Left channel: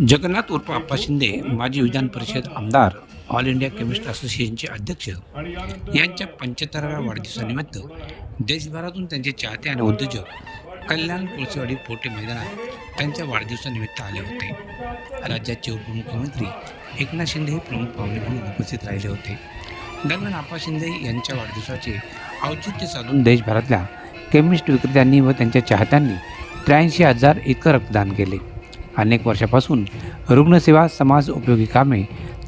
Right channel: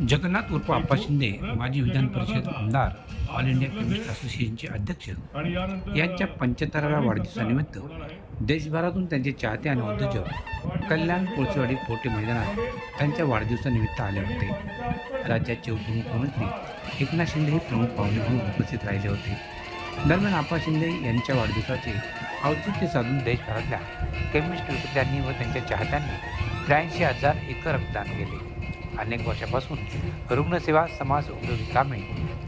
जगन्नाथ उर्फ आप्पा शिंदे माजी विधान परिषद आमदार ऑल इंडिया केमिस्ट असोसिएशनचे अध्यक्ष. यांच्या पंच्याहत्तराव्या वाढदिवसानिमित्त देशभरातून त्यांचे चाहते आणि उद्योजक कल्याण कोळसेवाडी पोटे मैदानात त्यांच्या वाढदिवसानिमित्त आले होते. राज्याचे उपमुख्यमंत्री एकनाथ शिंदे हे प्रमुख पाहुणे म्हणून उपस्थित राहिले होते. दरम्यान आप्पा शिंदे यांच्या वाढदिवसाचे औचित्य साधून देशभरातल्या केमिस्ट विक्रेत्यांनी व त्यांच्या चाहत्यांनी त्र्याऐंशी हजार इतकं रक्तदान केले. अनेक वर्षापासून रुग्णसेवा समाज उपयोगी कामे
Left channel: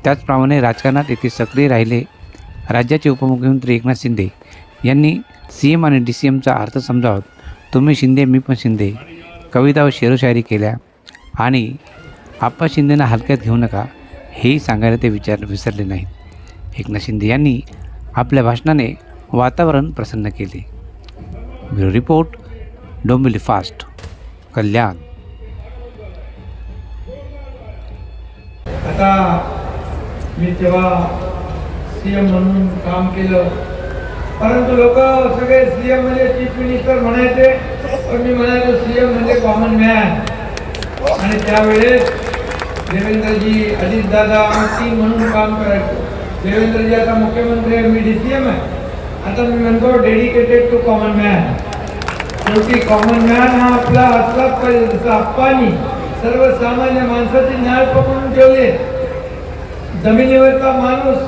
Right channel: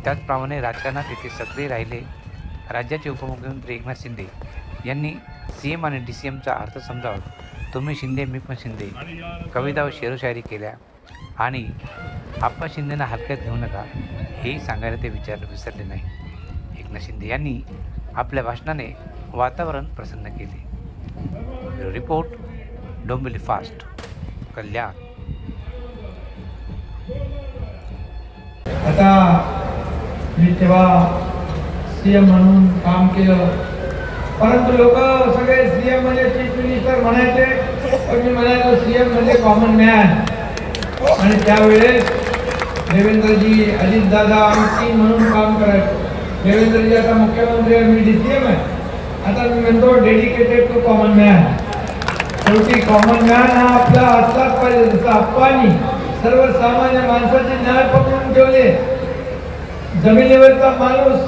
त्याचप्रमाणे राजकारणात येथे सक्रिय राहिले. राज्याचे उपमुख्यमंत्री एकनाथ शिंदे यांनी सी एम आणि डी सी एमचा अर्थ समजावत तुम्ही शिंदे मी पण शिंदे. कविता व शेरोशायरी केल्या. आणि आप्पा शिंदेना हलक्यात घेऊ नका हेही सांगायला ते विचार विसरले नाही एकनाथ शिंदे यांनी आपल्या भाषणाने वातावरण प्रसन्न केले. Bureau report Dombivli fast Kalyan. आता मी तेव्हा सी एम म्हणून काम केलं. परंतु लोक सगळे सी एम म्हणजे चीफ मिनिस्टर म्हणायचे पण मी म्हणायचो सी एम म्हणजे कॉमन मॅन आणि त्यावेळेस देवेंद्रजी अजितदादा टीम म्हणून काम करायचो. देवेंद्रजी आता मुख्यमंत्री आहे मी डी सी एम आहे. आता मी म्हणतो डेडिकेटेड टू कॉमन मॅन शेवटी कॉमन मॅन हा आपला असलाच पाहिजे जसं आप्पानी सर्वसामान्य माणसाचे न्याय पकडून ठेवले. जमिनीवरचा माणूस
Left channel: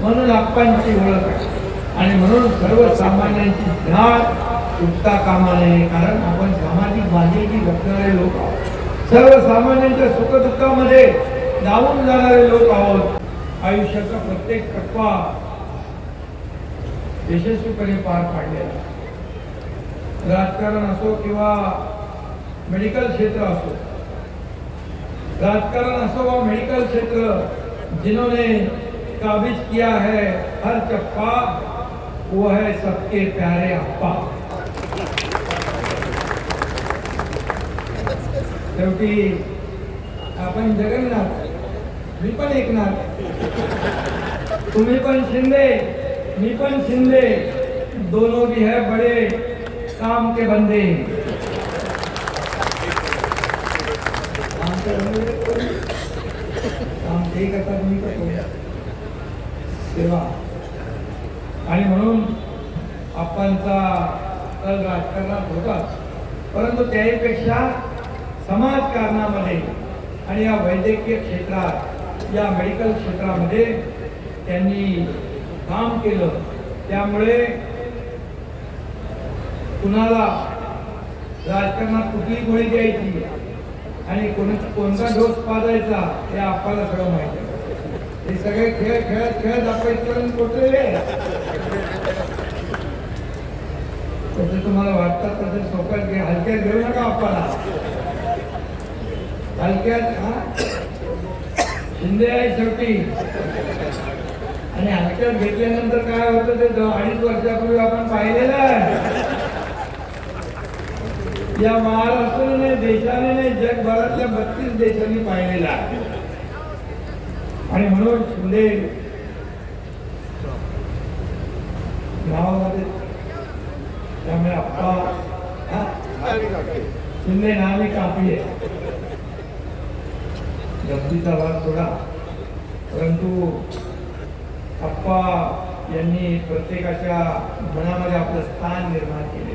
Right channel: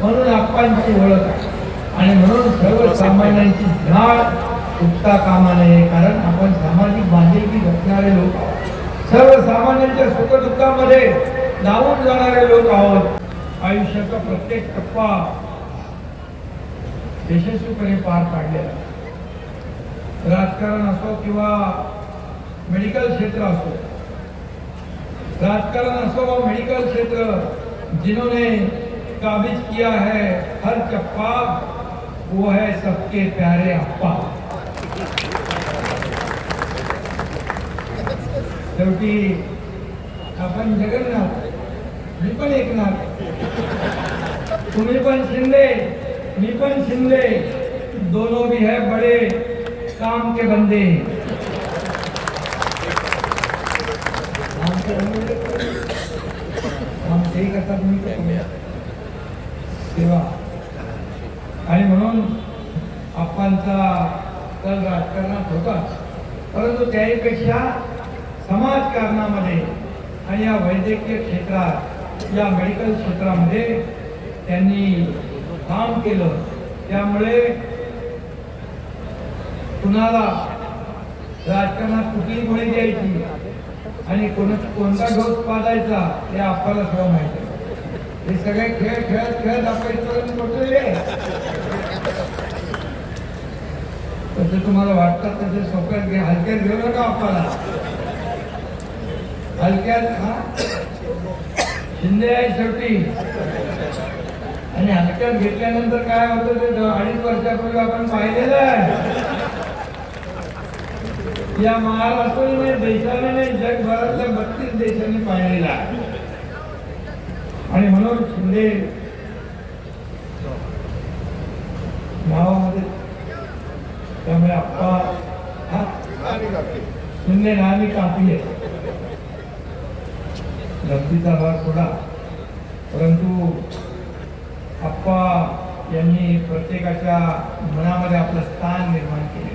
म्हणून आप्पांची ओळख आहे. आणि म्हणून सर्वसामान्यांची झाड उठता कामा नये. कारण आपण सामाजिक बांधिलकी जपणारे लोक आहोत. सर्वसामान्यांच्या सुखदुःखामध्ये जाऊन जाणारे लोक आहोत. आयुष्याचा प्रत्येक टप्पा यशस्वीपणे पार पाडलेला राजकारण असो किंवा मेडिकल क्षेत्र असो राजकारण असो मेडिकल क्षेत्र, जिन्होंने काबिज किया है हर चप्पा, वो है सबके प्यारे अप्पा। शेवटी आपण जगन्नाथ मी पण एकनाथ तुम्ही शिंदे मी शिंदे, दोनों भी है बड़े काम के बंदे सेवा. आणि म्हणून आप्पांचा तर राजकारणात होता. परंतु त्याहीपेक्षा समाजकारणामध्ये आणि या वैद्यकीय क्षेत्रात या मेडिकल क्षेत्रामध्ये त्यांनी काम केलं. त्यामुळे कुणाला राजकारणात कुठली गोळी द्यायची? आणि कोण कोणता डोस पाजायचा हे आपल्याला सगळं माहिती आहे. हे सगळे खेळ खेळत खेळत आपण इथपर्यंत पोहोचलेले तसं तुम्हाला वाटतं तसे सोक्यात घे हलक्यात घेऊ नका आपल्याला. हलक्यात हा? शिंदे आहे शेवटी. आणि हलक्यात घेतल्यानंतर काय होतं ते अडीच वर्षापूर्वी आपण पाहिलेलं आहे. या महाराष्ट्राने देशाने नाही जगभरातल्या बत्तीस देशांनी पाहिलेला. आणि म्हणून शिंदे नावामध्ये त्यामुळे आप्पा शिंदे नामी कापी आहे. गमतीचा भाग थोडा परंतु आप्पा यांनी प्रत्येकाच्या मनामध्ये आपलं स्थान निर्माण केले